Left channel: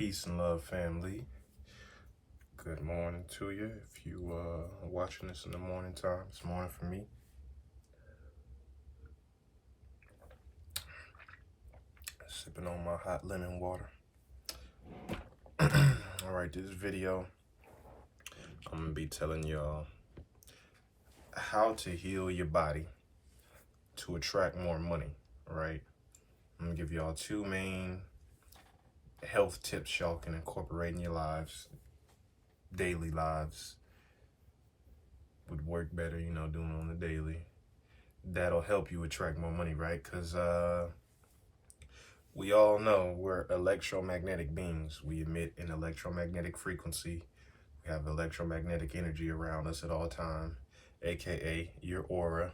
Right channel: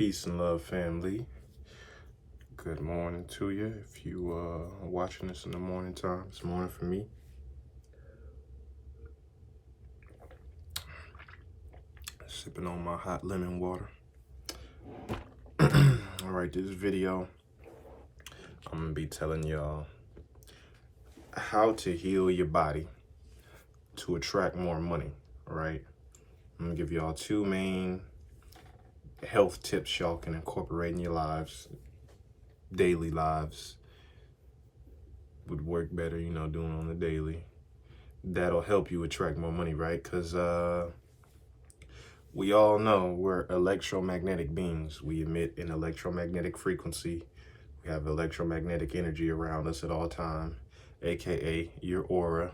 Peace and love, family. Good morning to you. If you are watching this in the morning time, it's morning for me. Sipping on my hot lemon water. All right, this video, I'm gonna be telling y'all how to heal your body to attract more money. All right, I'm gonna give y'all two main health tips y'all can incorporate in your lives. Daily lives would work better, doing on the daily. That'll help you attract more money, right? Because we all know we're electromagnetic beings. We emit an electromagnetic frequency. We have electromagnetic energy around us at all time, aka your aura.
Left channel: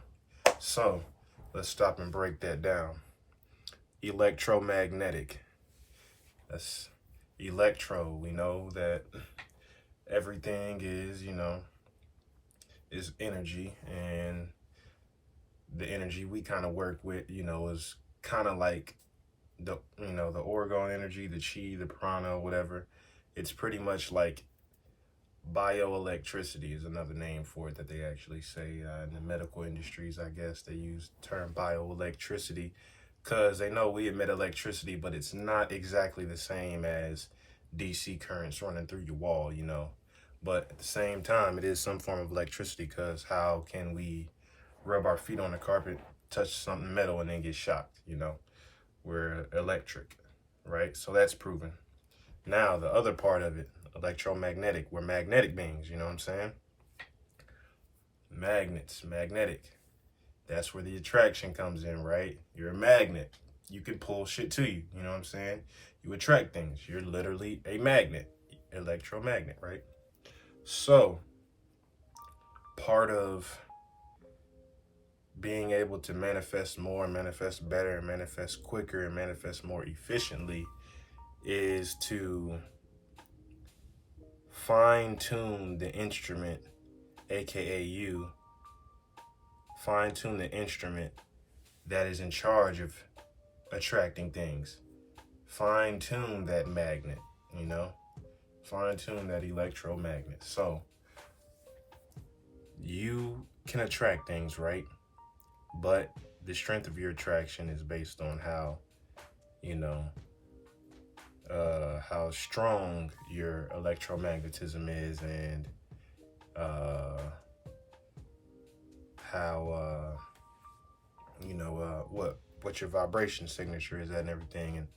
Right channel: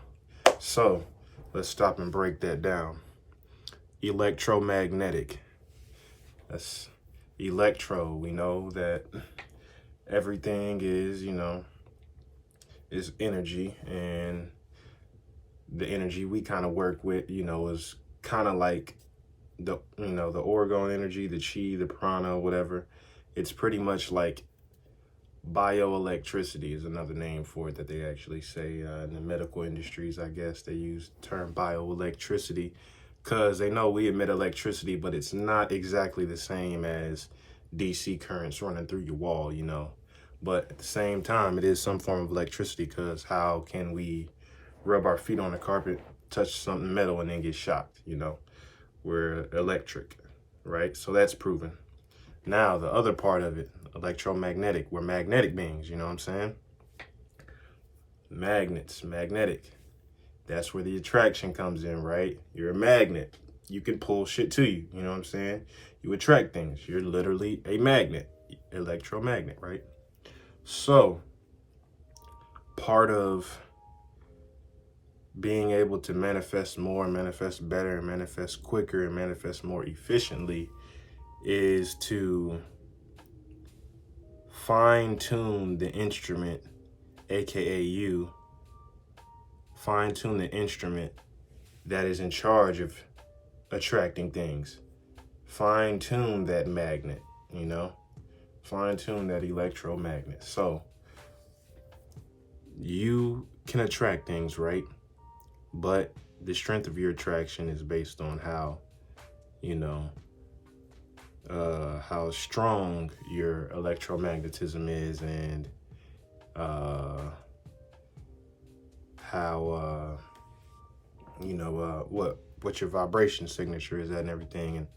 So let's stop and break that down. Electromagnetic. That's electro. We know that everything is, is energy, and the energy we kind of work with, is kind of like the orgone energy, the chi, the prana, whatever. It's pretty much like bioelectricity is another name for it that they actually say in the medical industries. I guess they use the term bioelectricity because they know we emit electricity, but it's not exactly the same as DC currents running through your wall, But at the same time, it is some form of electricity, because how can we rub our feet on the carpet, touch something metal, and then get shocked, We're electric, right? So that's proven. Now, the other part of it, electromagnetic, we're magnetic beings, you know what I'm saying? Magnets, magnetic. That's where the attraction comes in, right? You're a magnet. You can pull shit to you, you know what I'm saying? You attract things. You're literally a magnet, electromagnet, right? So, part of being able to manifest more, manifest better, manifest quicker, and manifest more efficiently is to fine-tune the instrument, aka you. Fine-tune the instrument that is in charge of attracting things. Fine-tune that magnet, Fine-tune that electromagnet. So you can attract things, right? But the strength of your attraction is based on how, how strong your electromagnetism is, and how, what your vibration signature is at, and everything, and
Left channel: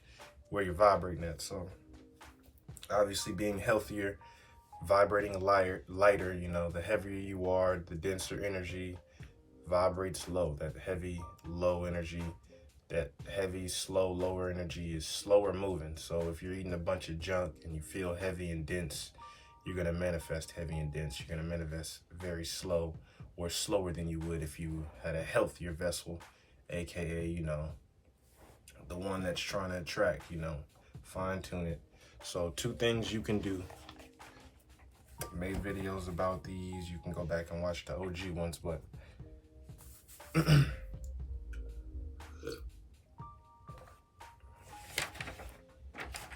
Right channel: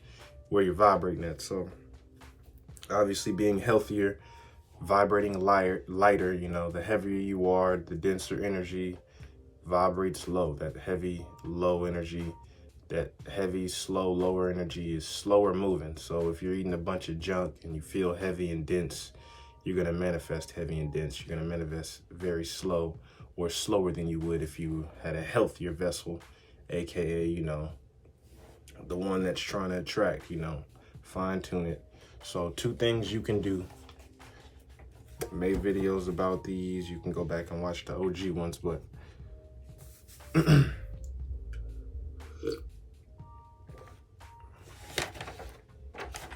where you're vibrating at. So obviously being healthier, vibrating lighter, the heavier you are, the denser energy vibrates low. That heavy, low energy, that heavy, slow, lower energy is slower moving. So if you're eating a bunch of junk and you feel heavy and dense, you're going to manifest heavy and dense. You're going to manifest very slow, or slower than you would if you had a healthier vessel, aka, the one that's trying to attract, fine tune it. So 2 things you can do. Made videos about these. You can go back and watch the OG ones, but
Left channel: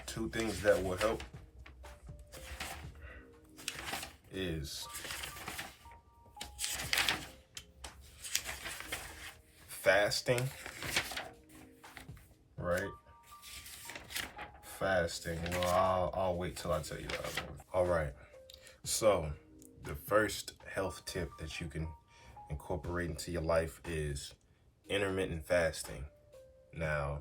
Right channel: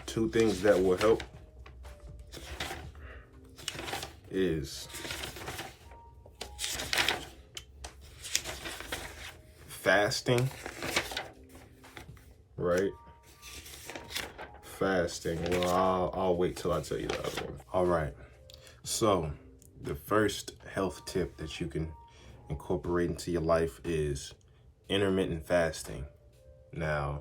2 things that will help is fasting, right? Fasting. Well, I'll wait till I tell you the other one. All right. So the first health tip that you can incorporate into your life is intermittent fasting. Now,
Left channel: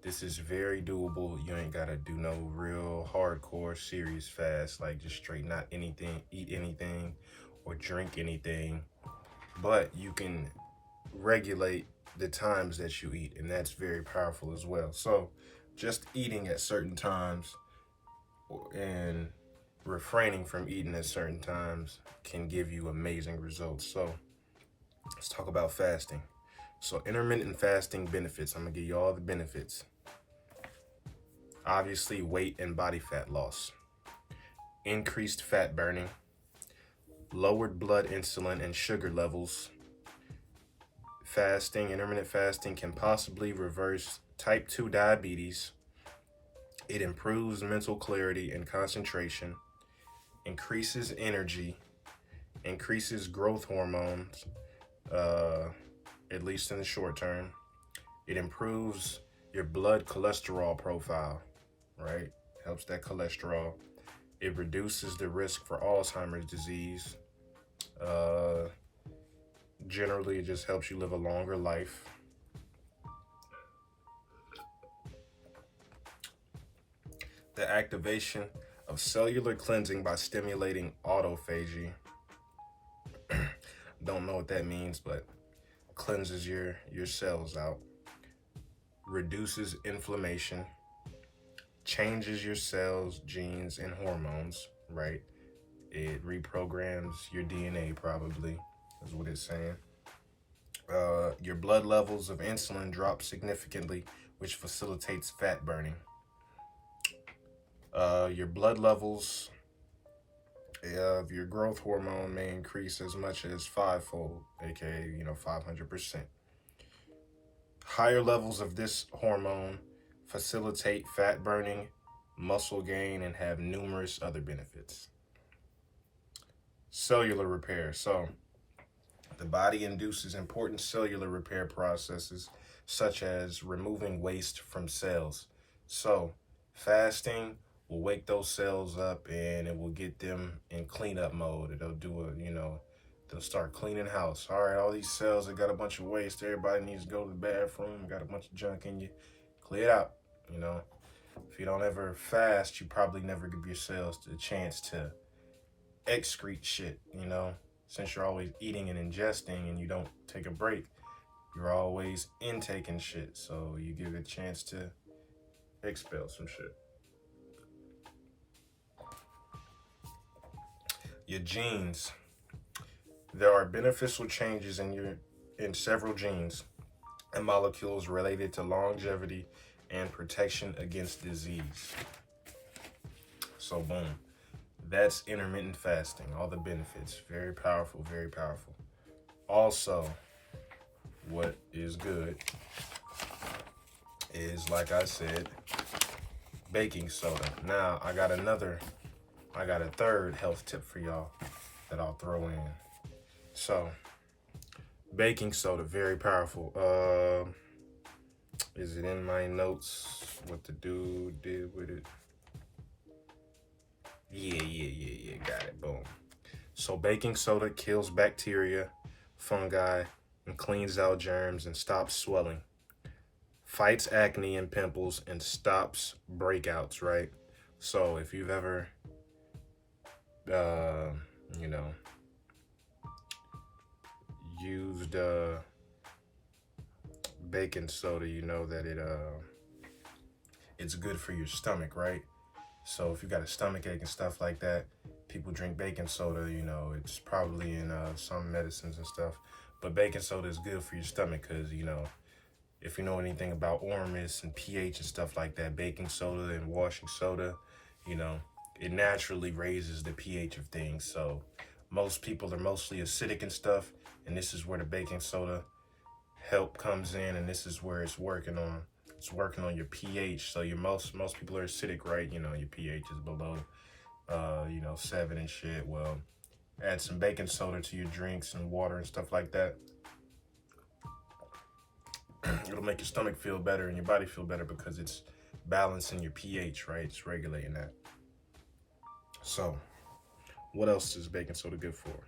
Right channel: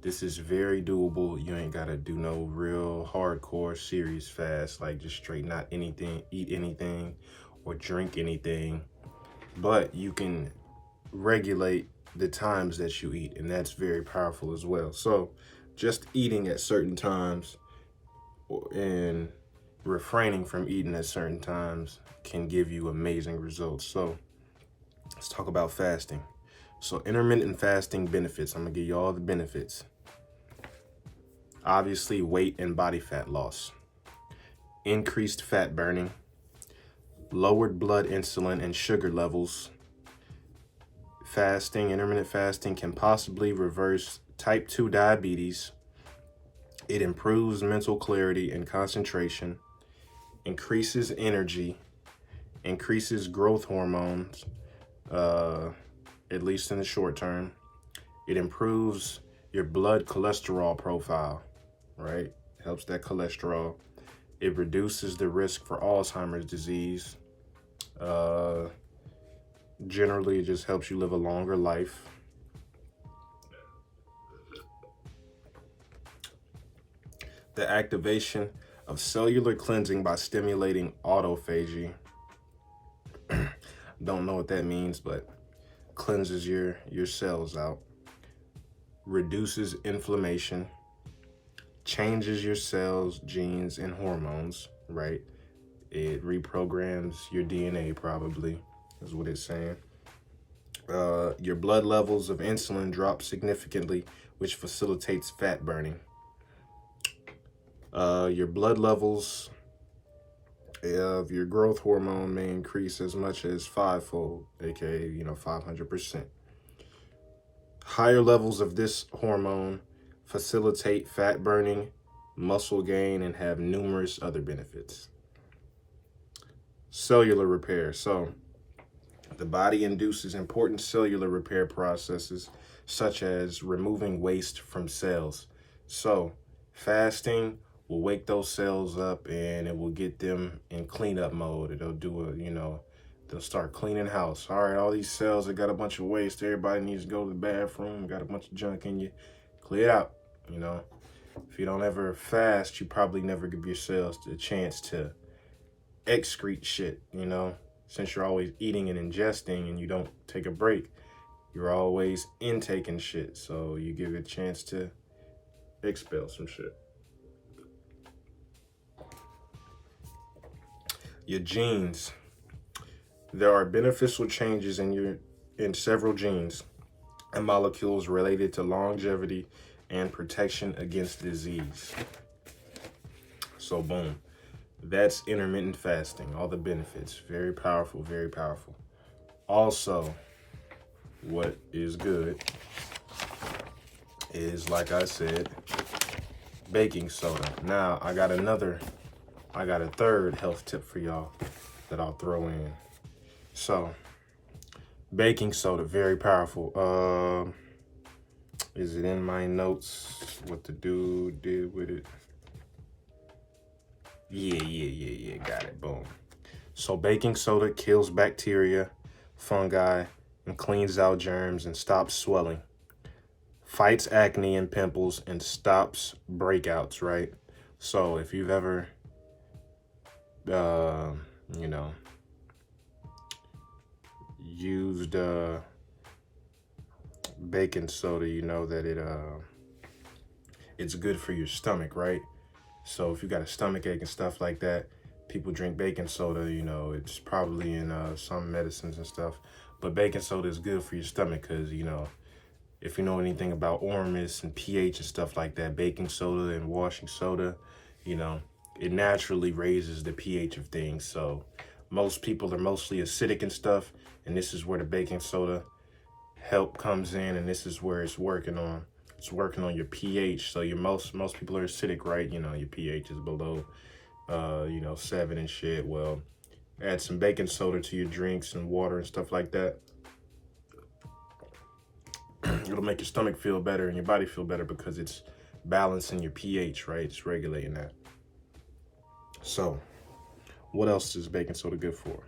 this is very doable. You ain't gotta do no real hardcore serious fast, like just straight not anything, eat anything or drink anything. But you can regulate the times that you eat, and that's very powerful as well. So just eating at certain times and refraining from eating at certain times can give you amazing results. So let's talk about fasting. So intermittent fasting benefits. I'm gonna give you all the benefits. Obviously, weight and body fat loss, increased fat burning, lowered blood insulin and sugar levels. Intermittent fasting can possibly reverse type 2 diabetes, It improves mental clarity and concentration, increases energy, increases growth hormones, at least in the short term. It improves your blood cholesterol profile, right? Helps that cholesterol. It reduces the risk for Alzheimer's disease. Generally, it just helps you live a longer life. The activation of cellular cleansing by stimulating autophagy. Don't know what that means, but cleanses your cells out. Reduces inflammation. Changes your cells, genes, and hormones, right? It reprograms your DNA, probably, is what it's saying. Your blood levels of insulin drop significantly, which facilitates fat burning. Your blood levels of your growth hormone may increase as much as fivefold, aka 500%. Higher levels of this hormone facilitate fat burning, muscle gain, and have numerous other benefits. Cellular repair. So the body induces important cellular repair processes, such as removing waste from cells. So fasting will wake those cells up and it will get them in cleanup mode. It'll do they'll start cleaning house. All right, all these cells that got a bunch of waste, everybody needs to go to the bathroom, got a bunch of junk in you, clear it out. If you don't ever fast, you probably never give your cells the chance to excrete shit, since you're always eating and ingesting and you don't take a break. You're always intaking shit, so you give it a chance to expel some shit. Your genes. There are beneficial changes in several genes and molecules related to longevity and protection against disease. So boom, that's intermittent fasting, all the benefits. Very powerful, very powerful. Also, what is good is, like I said, baking soda. Now, I got a third health tip for y'all that I'll throw in. So, baking soda, very powerful. Is it in my notes what the dude did with it? Yeah, got it, boom. So baking soda kills bacteria, fungi, and cleans out germs and stops swelling. Fights acne and pimples and stops breakouts, right? So if you've ever, used baking soda, you know that it's good for your stomach, right? So if you got a stomach ache and stuff like that, people drink baking soda, it's probably in some medicines and stuff. But baking soda is good for your stomach because, if you know anything about ormus and pH and stuff like that, baking soda and washing soda, it naturally raises the pH of things. So most people are mostly acidic and stuff, and this is where the baking soda help comes in, and this is where it's working on. It's working on your pH. So most people are acidic, right? Your pH is below 7 and shit. Well, add some baking soda to your drinks and water and stuff like that. It'll make your stomach feel better and your body feel better because it's balancing your pH, right? It's regulating that. So what else is baking soda good for,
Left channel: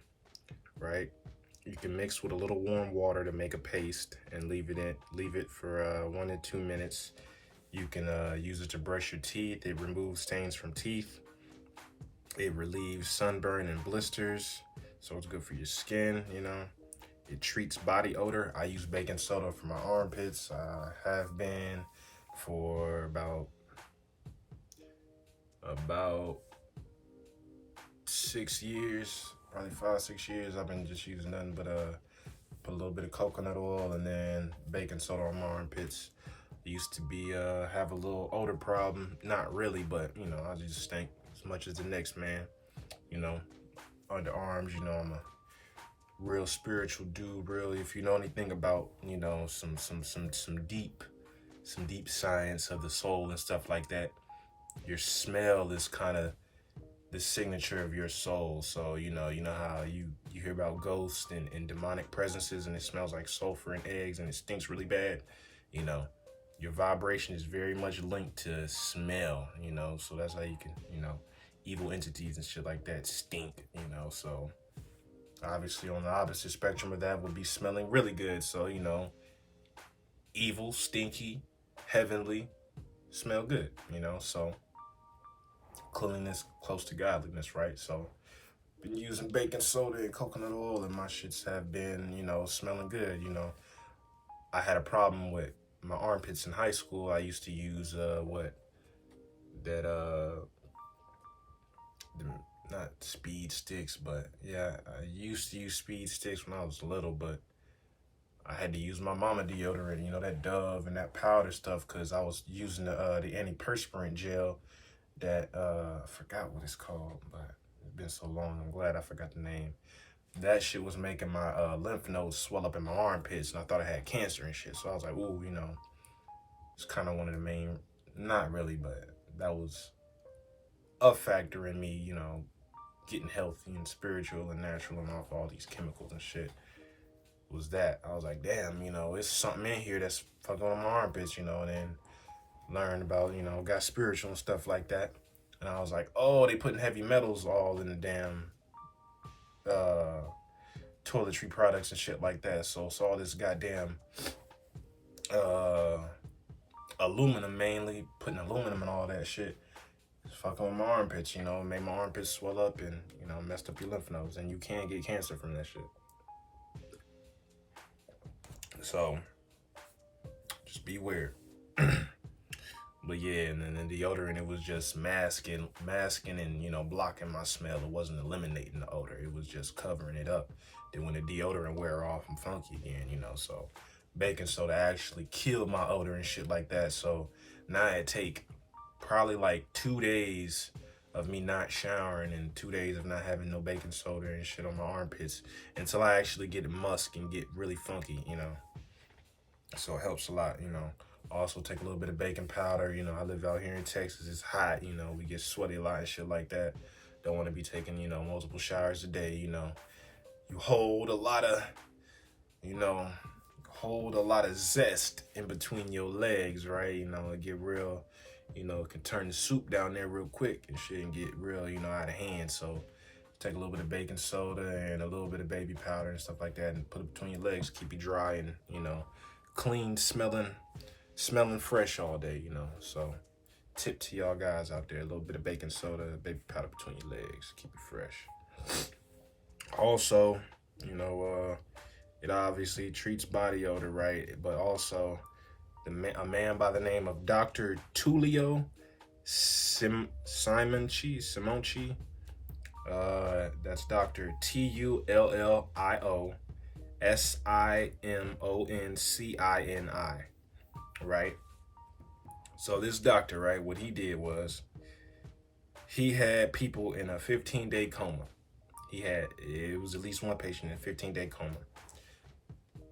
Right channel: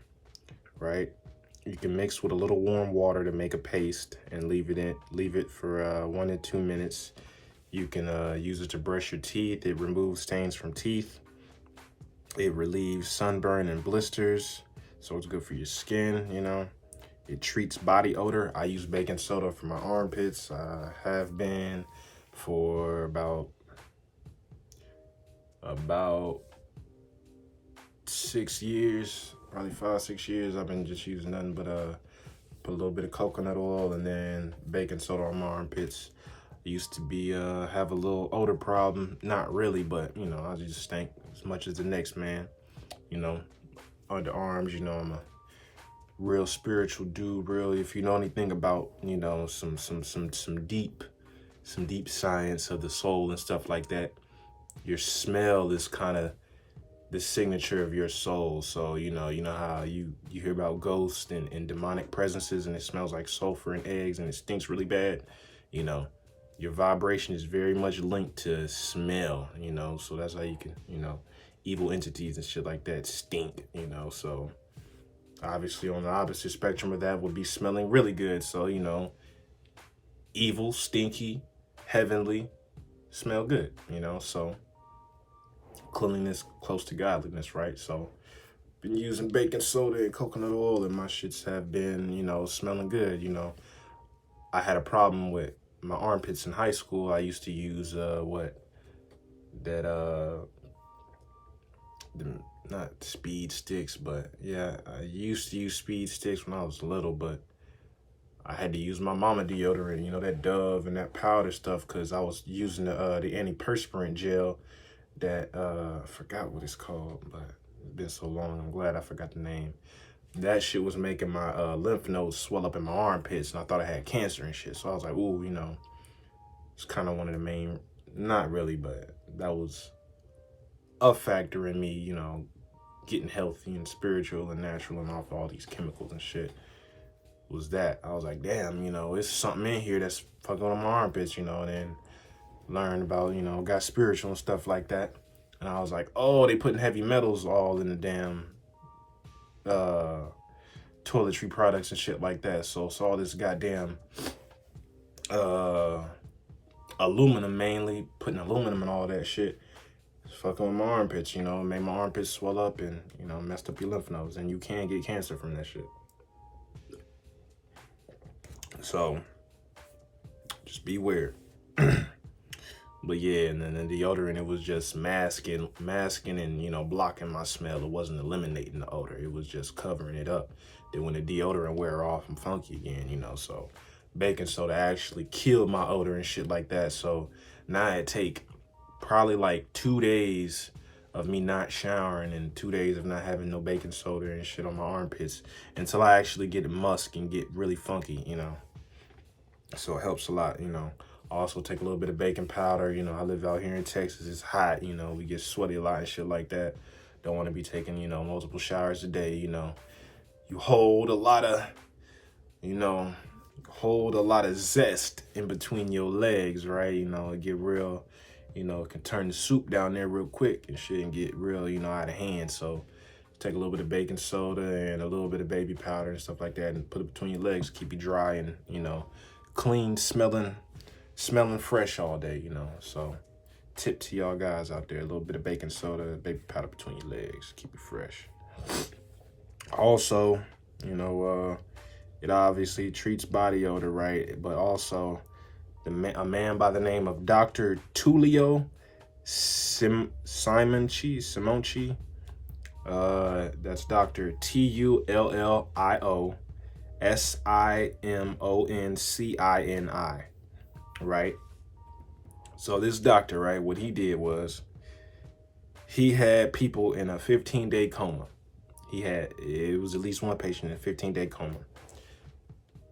right? You can mix with a little warm water to make a paste and leave it for 1 to 2 minutes. You can use it to brush your teeth. It removes stains from teeth. It relieves sunburn and blisters, so it's good for your skin, It treats body odor. I use baking soda for my armpits. I have been for about 6 years, probably 5-6 years. I've been just using nothing but put a little bit of coconut oil and then baking soda on my armpits. I used to be have a little odor problem, not really, but I just stink as much as the next man. Underarms, I'm a real spiritual dude. Really, if you know anything about some deep science of the soul and stuff like that, your smell is kind of the signature of your soul. So, you know how you hear about ghosts and demonic presences, and it smells like sulfur and eggs and it stinks really bad. You know, your vibration is very much linked to smell, you know, so that's how you can, you know, evil entities and shit like that stink, you know. So obviously on the opposite spectrum of that would be smelling really good. So, you know, evil, stinky, heavenly, smell good, you know. So cleanliness close to godliness, right? So been using baking soda and coconut oil, and my shits have been, you know, smelling good. You know, I had a problem with my armpits in high school. I used to use not speed sticks, but yeah, I used to use speed sticks when I was little, but I had to use my mama deodorant, you know, that Dove and that powder stuff, because I was using the antiperspirant gel that I forgot what it's called, but it's been so long, I'm glad I forgot the name. That shit was making my lymph nodes swell up in my armpits, and I thought I had cancer and shit. So I was like, ooh, you know, it's kind of one of the main, not really, but that was a factor in me, you know, getting healthy and spiritual and natural and off all these chemicals and shit. Was that I was like, damn, you know, it's something in here that's fucking on my armpits, you know. And then learned about, you know, got spiritual and stuff like that. And I was like, oh, they putting heavy metals all in the damn toiletry products and shit like that. So all this goddamn aluminum, mainly putting aluminum and all that shit. It's fucking with my armpits, you know, made my armpits swell up and, you know, messed up your lymph nodes, and you can get cancer from that shit. So just beware. But yeah, and then the deodorant, it was just masking and, you know, blocking my smell. It wasn't eliminating the odor. It was just covering it up. Then when the deodorant wear off, I'm funky again, you know. So baking soda actually killed my odor and shit like that. So now it take probably like 2 days of me not showering and 2 days of not having no baking soda and shit on my armpits until I actually get musk and get really funky, you know. So it helps a lot, you know. Also take a little bit of baking powder. You know, I live out here in Texas. It's hot, you know, we get sweaty a lot and shit like that. Don't want to be taking, you know, multiple showers a day, you know. You hold a lot of, you know, zest in between your legs, right? You know, get real, you know, can turn the soup down there real quick and shit and get real, you know, out of hand. So take a little bit of baking soda and a little bit of baby powder and stuff like that and put it between your legs, keep you dry and, you know, clean, smelling fresh all day, you know. So tip to y'all guys out there, a little bit of baking soda, baby powder between your legs, keep it fresh. Also, you know, it obviously treats body odor, right? But also a man by the name of Dr. Tullio Simonci, that's Dr. TullioSimoncini, right? So this doctor, right, what he did was he had people in a 15-day coma. It was at least one patient in a 15-day coma.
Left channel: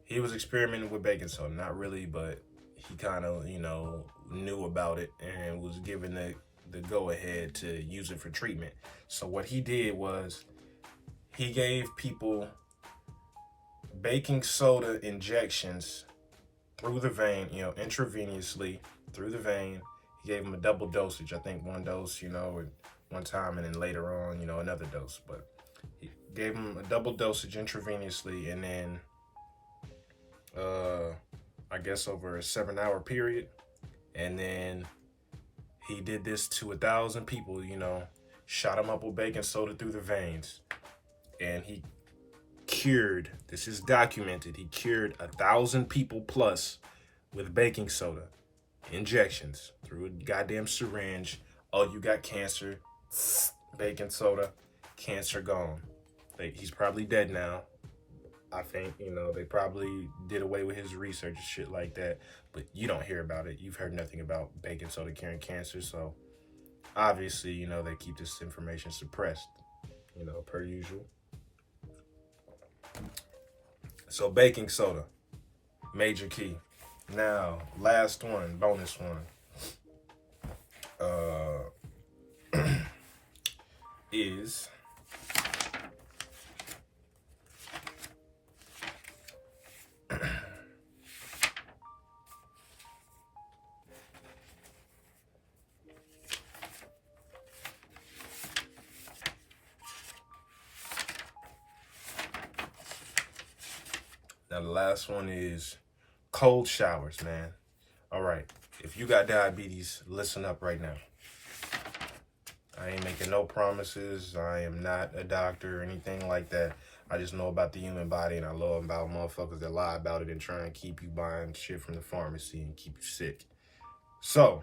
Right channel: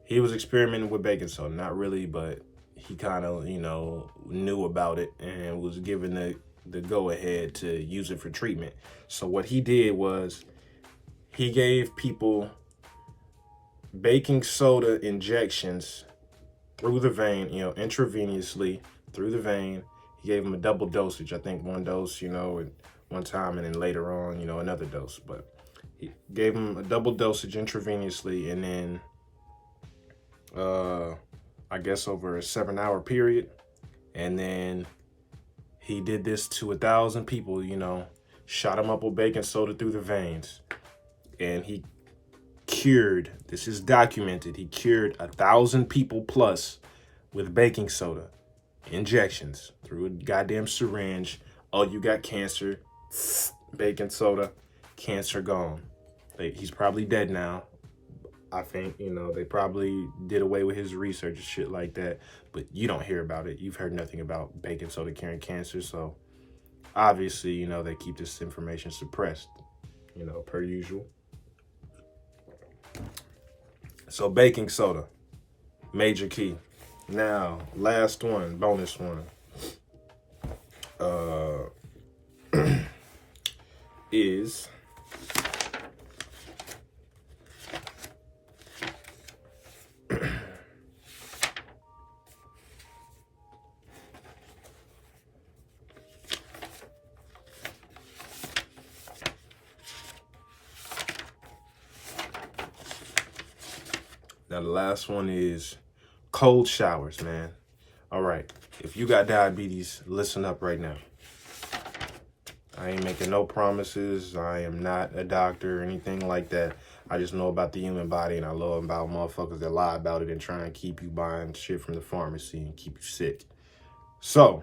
He was experimenting with baking soda, not really, but he kind of, you know, knew about it and was given the go-ahead to use it for treatment. So what he did was he gave people baking soda injections through the vein, you know, intravenously through the vein. He gave them a double dosage. I think one dose, you know, at one time, and then later on, you know, another dose. But he gave them a double dosage intravenously, and then I guess over a 7-hour period. And then he did this to 1,000 people, you know, shot them up with baking soda through the veins. And he cured, this is documented, he cured 1,000 people plus with baking soda injections through a goddamn syringe. Oh, you got cancer, baking soda, cancer gone. He's probably dead now. I think, you know, they probably did away with his research and shit like that, but you don't hear about it. You've heard nothing about baking soda curing cancer. So obviously, you know, they keep this information suppressed, you know, per usual. So baking soda, major key. Now, last one, bonus one. is now the last one is cold showers, man. All right, if you got diabetes, listen up right now. I ain't making no promises. I am not a doctor or anything like that. I just know about the human body, and I know about motherfuckers that lie about it and try and keep you buying shit from the pharmacy and keep you sick. So,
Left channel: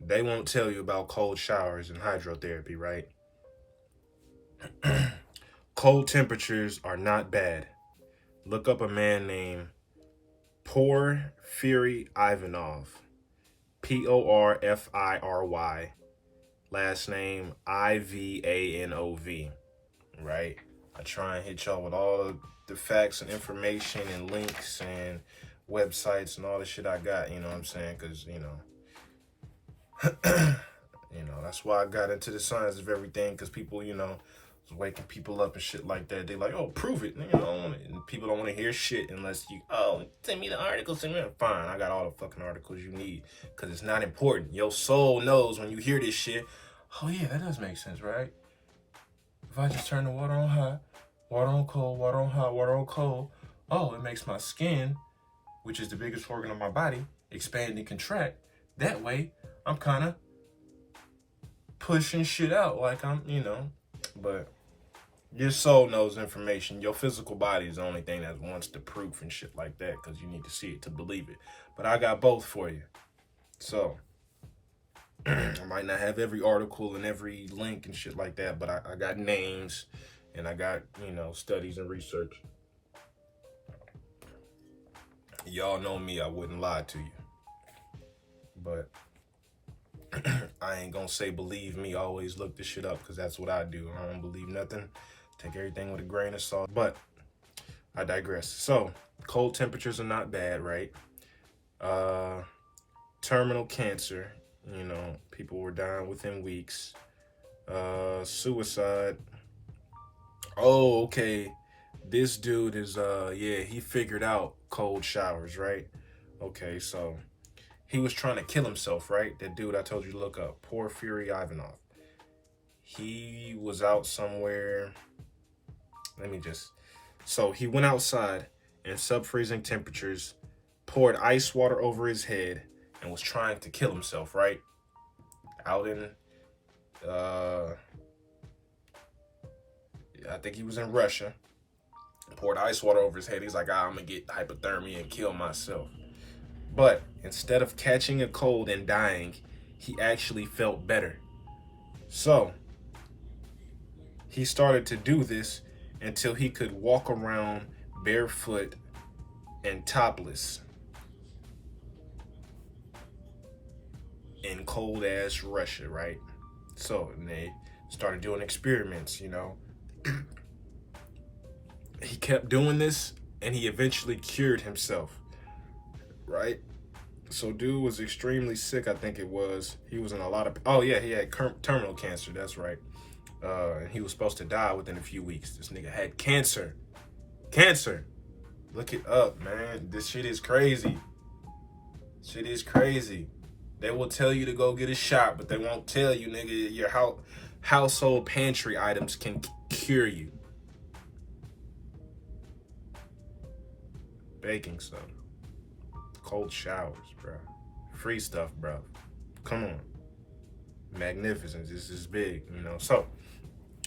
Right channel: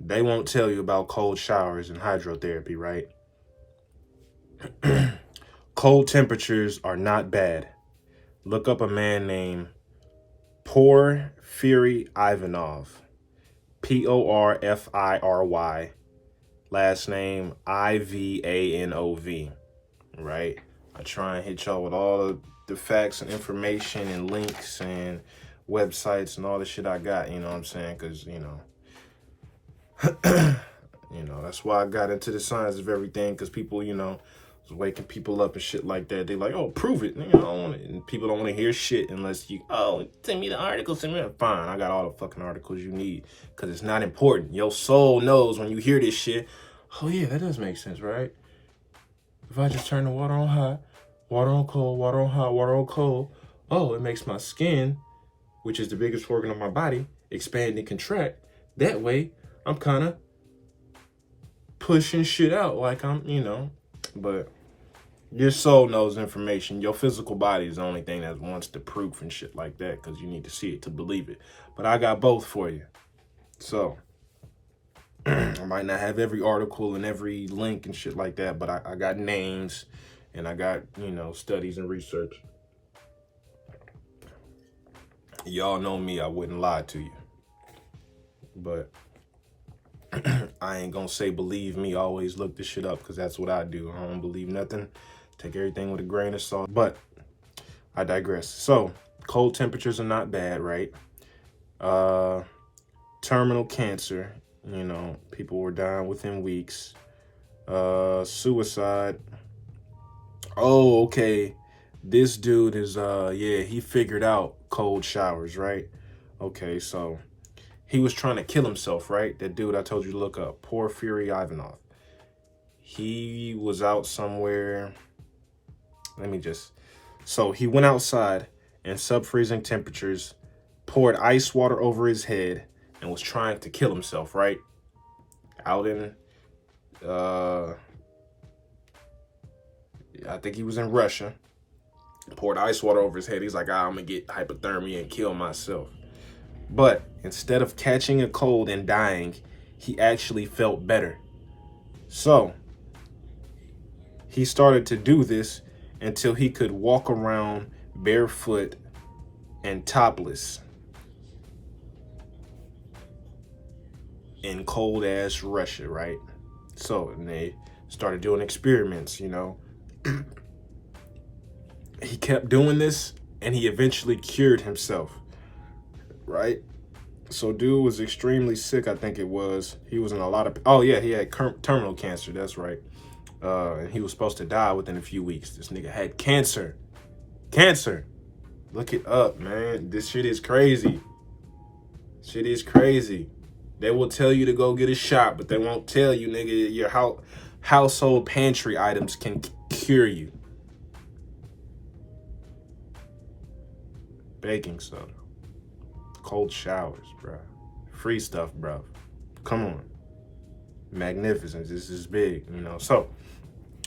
they won't tell you about cold showers and hydrotherapy, right? Cold temperatures are not bad. Look up a man named Porfiry Ivanov. Porfiry. Last name Ivanov, right? I try and hit y'all with all of the facts and information and links and websites and all the shit I got, you know what I'm saying? Because, you know, that's why I got into the science of everything, because people, you know, was waking people up and shit like that. They like, oh, prove it. You know, I don't want it. And people don't want to hear shit unless you, oh, send me the article, send me the, fine. I got all the fucking articles you need, because it's not important. Your soul knows when you hear this shit, oh yeah, that does make sense, right? If I just turn the water on hot, water on cold, water on hot, water on cold, oh, it makes my skin, which is the biggest organ of my body, expand and contract. That way, I'm kind of pushing shit out like I'm, you know, but your soul knows information. Your physical body is the only thing that wants the proof and shit like that, because you need to see it to believe it. But I got both for you. So, I might not have every article and every link and shit like that, but I got names and I got, you know, studies and research. Y'all know me, I wouldn't lie to you. But I ain't gonna say believe me, always look this shit up, because that's what I do. I don't believe nothing. Take everything with a grain of salt. But I digress. So, cold temperatures are not bad, right? Terminal cancer, you know, people were dying within weeks. Suicide. Oh, okay. This dude is, yeah, he figured out cold showers, right? Okay, so he was trying to kill himself, right? That dude I told you to look up, Porfiry Ivanov. He was out somewhere. So he went outside in sub-freezing temperatures, poured ice water over his head, and was trying to kill himself, right? Out in, I think he was in Russia. Poured ice water over his head. He's like, I'm gonna get hypothermia and kill myself. But instead of catching a cold and dying, he actually felt better. So he started to do this until he could walk around barefoot and topless in cold ass Russia, right? So, and they started doing experiments, you know. He kept doing this and he eventually cured himself, right? So dude was extremely sick, I think it was. He was in a lot of, oh yeah, he had terminal cancer, that's right. And he was supposed to die within a few weeks. This nigga had cancer. Cancer. Look it up, man. This shit is crazy. Shit is crazy. They will tell you to go get a shot, but they won't tell you, nigga, your household pantry items can cure you. Baking soda. Cold showers, bro. Free stuff, bro. Come on. Magnificent. This is big, you know. So,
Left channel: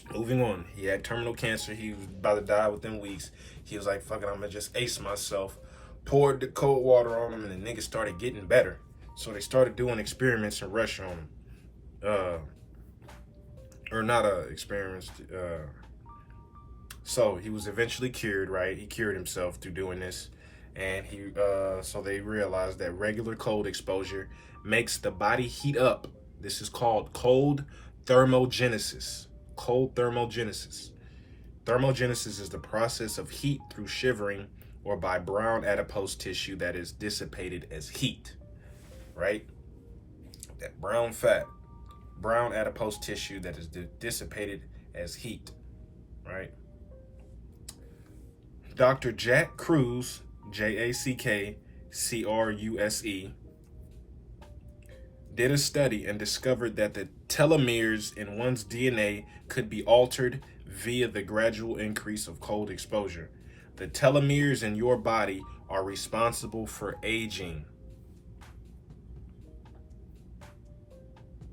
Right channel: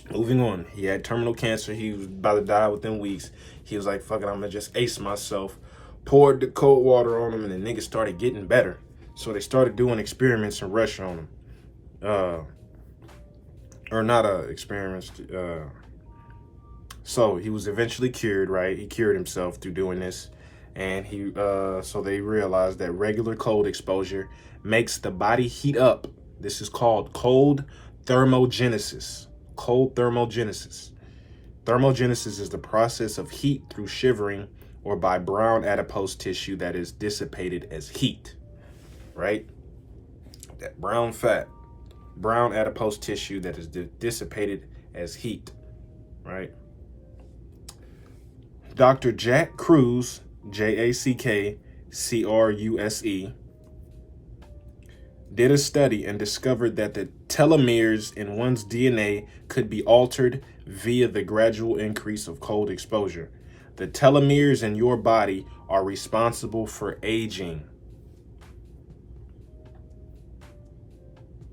moving on. He had terminal cancer. He was about to die within weeks. He was like, fuck it, I'm gonna just ace myself. Poured the cold water on him, and the nigga started getting better. So they started doing experiments in Russia on him. Or not experiments. So he was eventually cured, right? He cured himself through doing this. And he, so they realized that regular cold exposure makes the body heat up. This is called cold thermogenesis. Cold thermogenesis. Thermogenesis is the process of heat through shivering or by brown adipose tissue that is dissipated as heat, right? That brown fat brown adipose tissue that is dissipated as heat, right? Dr. Jack Kruse, Jackcruse, did a study and discovered that the telomeres in one's DNA could be altered via the gradual increase of cold exposure. The telomeres in your body are responsible for aging.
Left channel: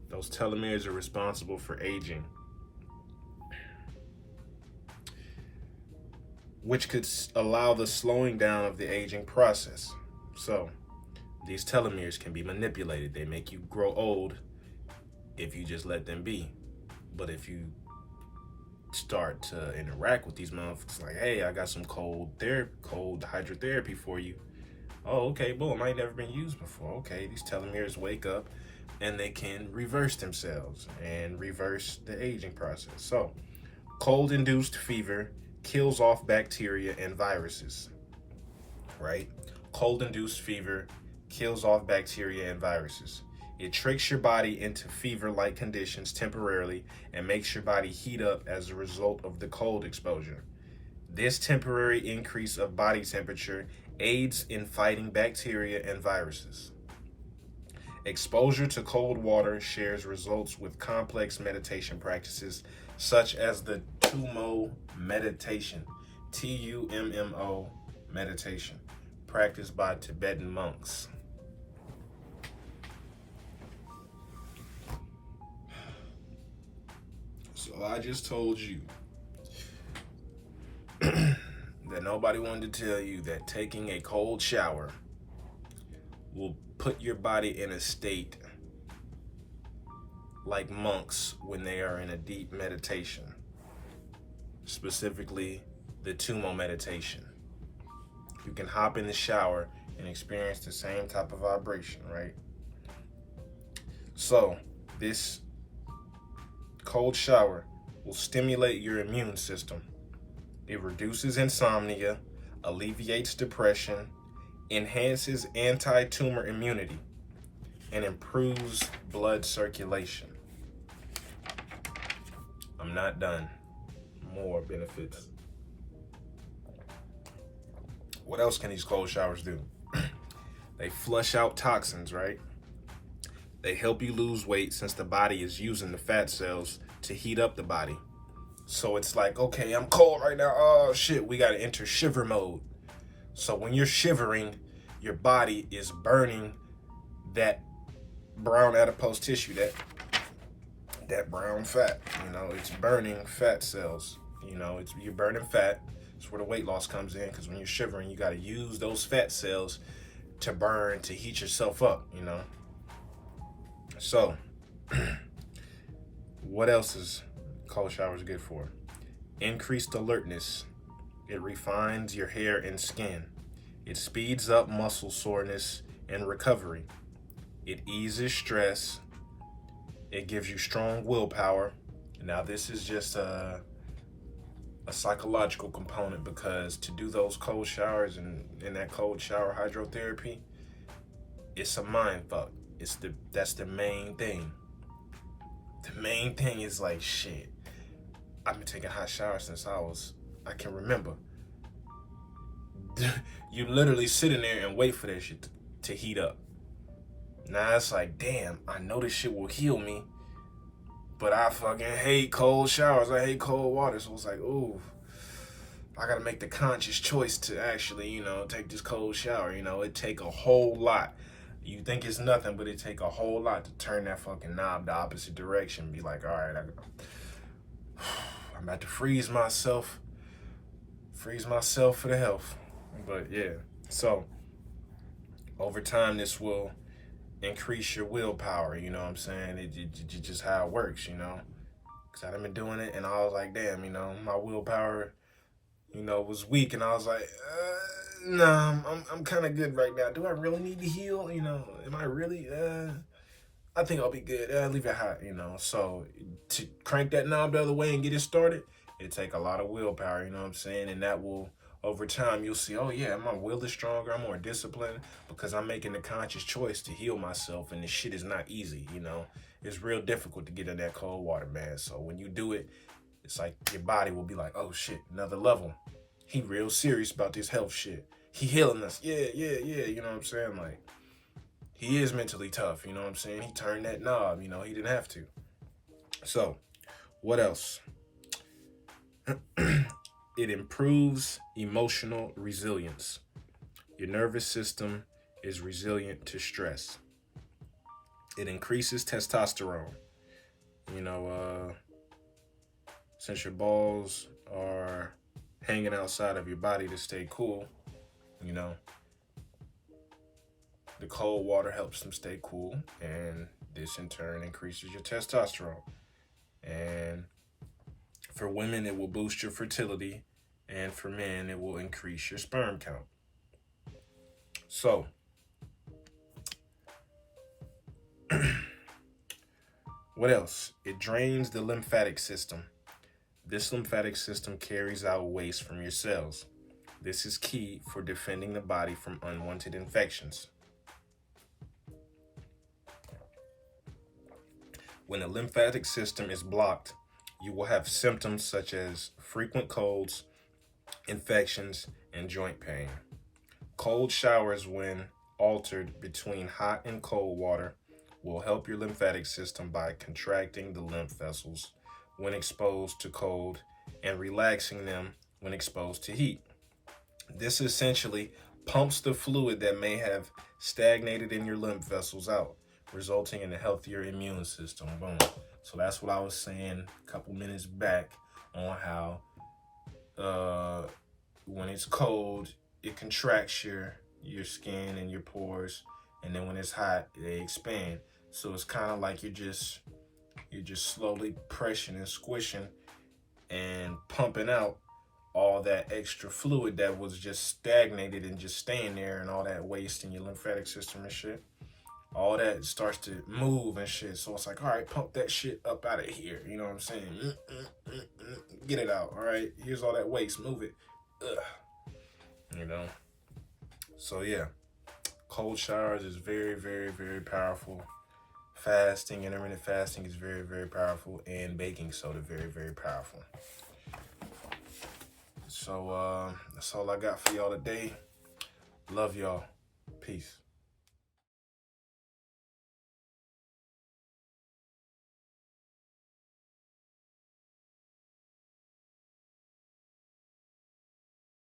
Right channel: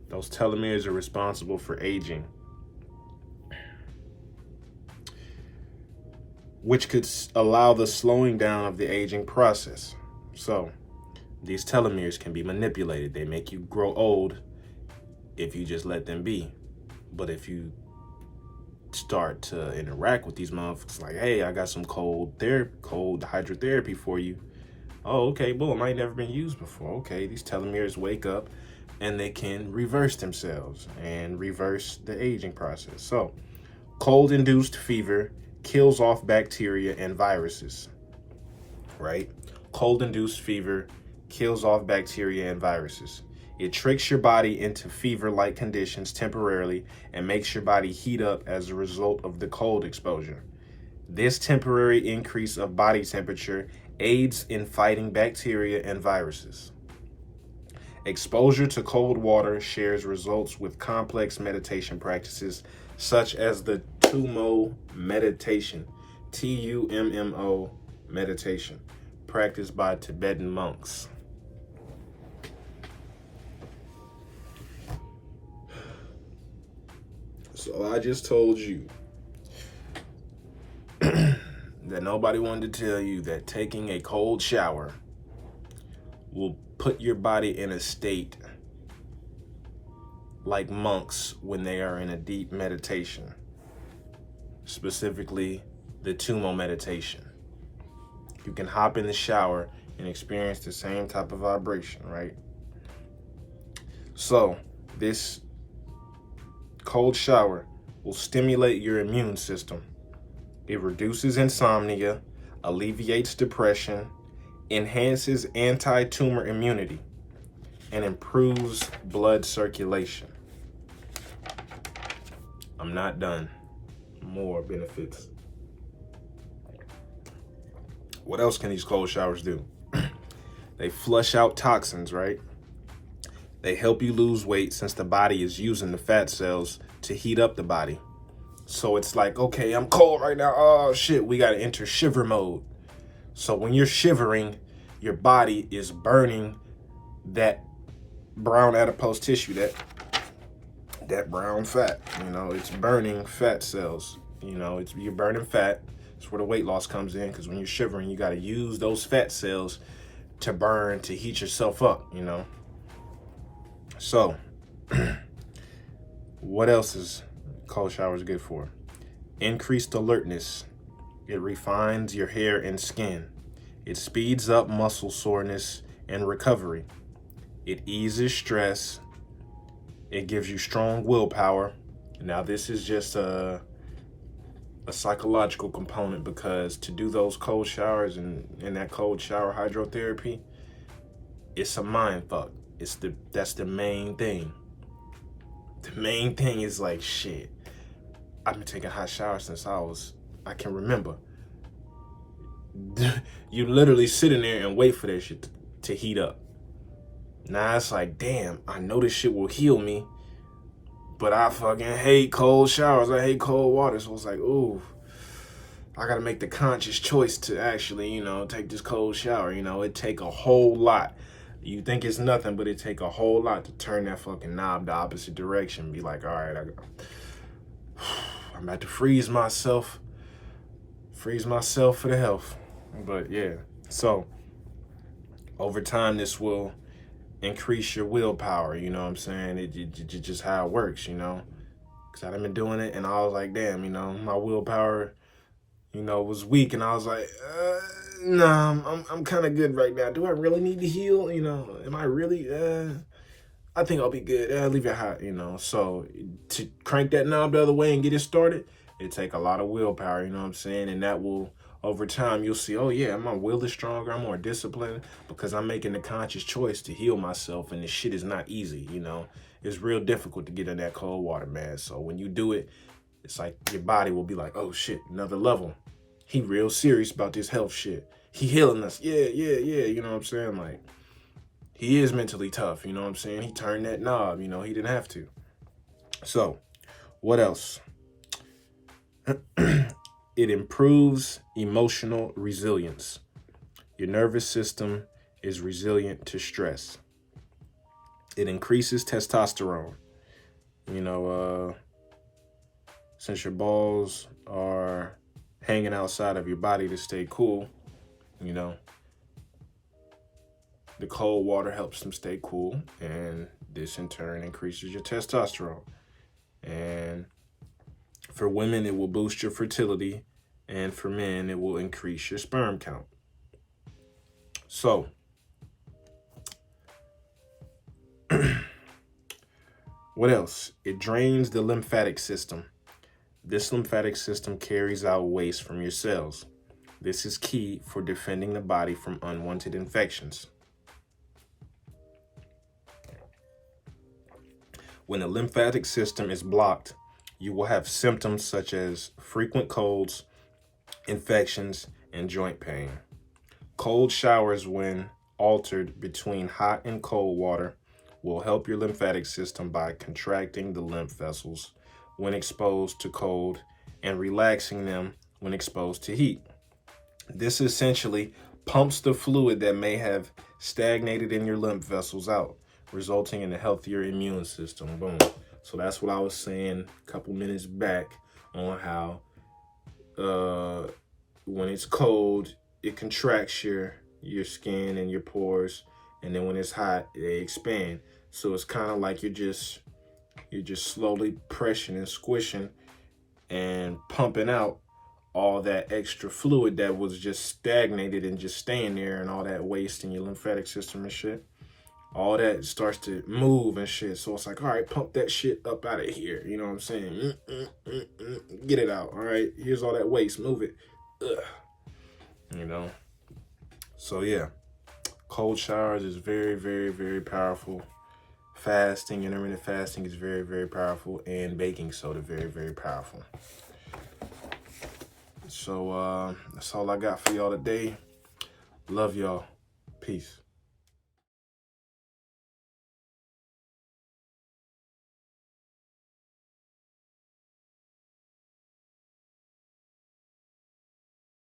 Those telomeres are responsible for aging, which could allow the slowing down of the aging process. So, these telomeres can be manipulated. They make you grow old if you just let them be. But if you start to interact with these motherfuckers, like, hey, I got some cold hydrotherapy for you. Oh, okay, boom, I ain't never been used before. Okay, these telomeres wake up and they can reverse themselves and reverse the aging process. So, cold-induced fever kills off bacteria and viruses, right? Cold-induced fever kills off bacteria and viruses. It tricks your body into fever-like conditions temporarily and makes your body heat up as a result of the cold exposure. This temporary increase of body temperature aids in fighting bacteria and viruses. Exposure to cold water shares results with complex meditation practices such as the Tummo meditation, Tummo meditation, practiced by Tibetan monks. So I just told you that nobody wanted to tell you that taking a cold shower will put your body in a state like monks when they are in a deep meditation, specifically the Tummo meditation. You can hop in the shower and experience the same type of vibration, right? So this cold shower will stimulate your immune system. It reduces insomnia, alleviates depression, enhances anti-tumor immunity, and improves blood circulation. I'm not done. More benefits. What else can these cold showers do? They flush out toxins, right? They help you lose weight since the body is using the fat cells to heat up the body. So it's like, okay, I'm cold right now. Oh shit, we gotta enter shiver mode. So when you're shivering, your body is burning that brown adipose tissue, that brown fat. You know, it's burning fat cells. You know, you're burning fat. That's where the weight loss comes in, because when you're shivering, you got to use those fat cells to burn, to heat yourself up, you know. So, what else is cold showers good for? Increased alertness. It refines your hair and skin. It speeds up muscle soreness and recovery. It eases stress. It gives you strong willpower. Now, this is just a psychological component, because to do those cold showers and that cold shower hydrotherapy, it's a mind fuck. That's the main thing. The main thing is like, shit, I've been taking hot showers since I can remember. You literally sit in there and wait for that shit to heat up. Now it's like, damn, I know this shit will heal me, but I fucking hate cold showers. I hate cold water. So it's like, ooh, I gotta make the conscious choice to actually, you know, take this cold shower. You know, it take a whole lot. You think it's nothing, but it take a whole lot to turn that fucking knob the opposite direction. Be like, all right, I'm about to freeze myself for the health. But yeah, so over time, this will increase your willpower. You know what I'm saying? It just how it works, you know? Because I've been doing it, and I was like, damn, you know, my willpower, you know, was weak, and I was like, nah, I'm kind of good right now. Do I really need to heal? You know, am I really, I think I'll be good. Leave it hot, you know? So to crank that knob the other way and get it started, it take a lot of willpower, you know what I'm saying? And that will over time, you'll see, oh yeah, my will is stronger, I'm more disciplined because I'm making the conscious choice to heal myself, and this shit is not easy, you know? It's real difficult to get in that cold water, man. So when you do it, it's like your body will be like, oh shit, another level. He real serious about this health shit. He healing us. Yeah, you know what I'm saying? Like, he is mentally tough, you know what I'm saying? He turned that knob, you know, he didn't have to. So, what else? It improves emotional resilience. Your nervous system is resilient to stress. It increases testosterone. You know, since your balls are hanging outside of your body to stay cool, you know, the cold water helps them stay cool, and this in turn increases your testosterone. And for women, it will boost your fertility, and for men, it will increase your sperm count. So, what else? It drains the lymphatic system. This lymphatic system carries out waste from your cells. This is key for defending the body from unwanted infections. When the lymphatic system is blocked, you will have symptoms such as frequent colds, infections, and joint pain. Cold showers, when altered between hot and cold water, will help your lymphatic system by contracting the lymph vessels when exposed to cold and relaxing them when exposed to heat. This essentially pumps the fluid that may have stagnated in your lymph vessels out, resulting in a healthier immune system. Boom. So that's what I was saying a couple minutes back on how when it's cold, it contracts your skin and your pores, and then when it's hot, they expand. So it's kind of like you're just slowly pressing and squishing and pumping out all that extra fluid that was just stagnated and just staying there, and all that waste in your lymphatic system and shit. All that starts to move and shit. So it's like, all right, pump that shit up out of here. You know what I'm saying? Get it out. All right, here's all that waste. Move it. Ugh. You know? So yeah, cold showers is very, very, very powerful. Fasting, intermittent fasting is very, very powerful. And baking soda, very, very powerful. So that's all I got for y'all today. Love y'all. Peace.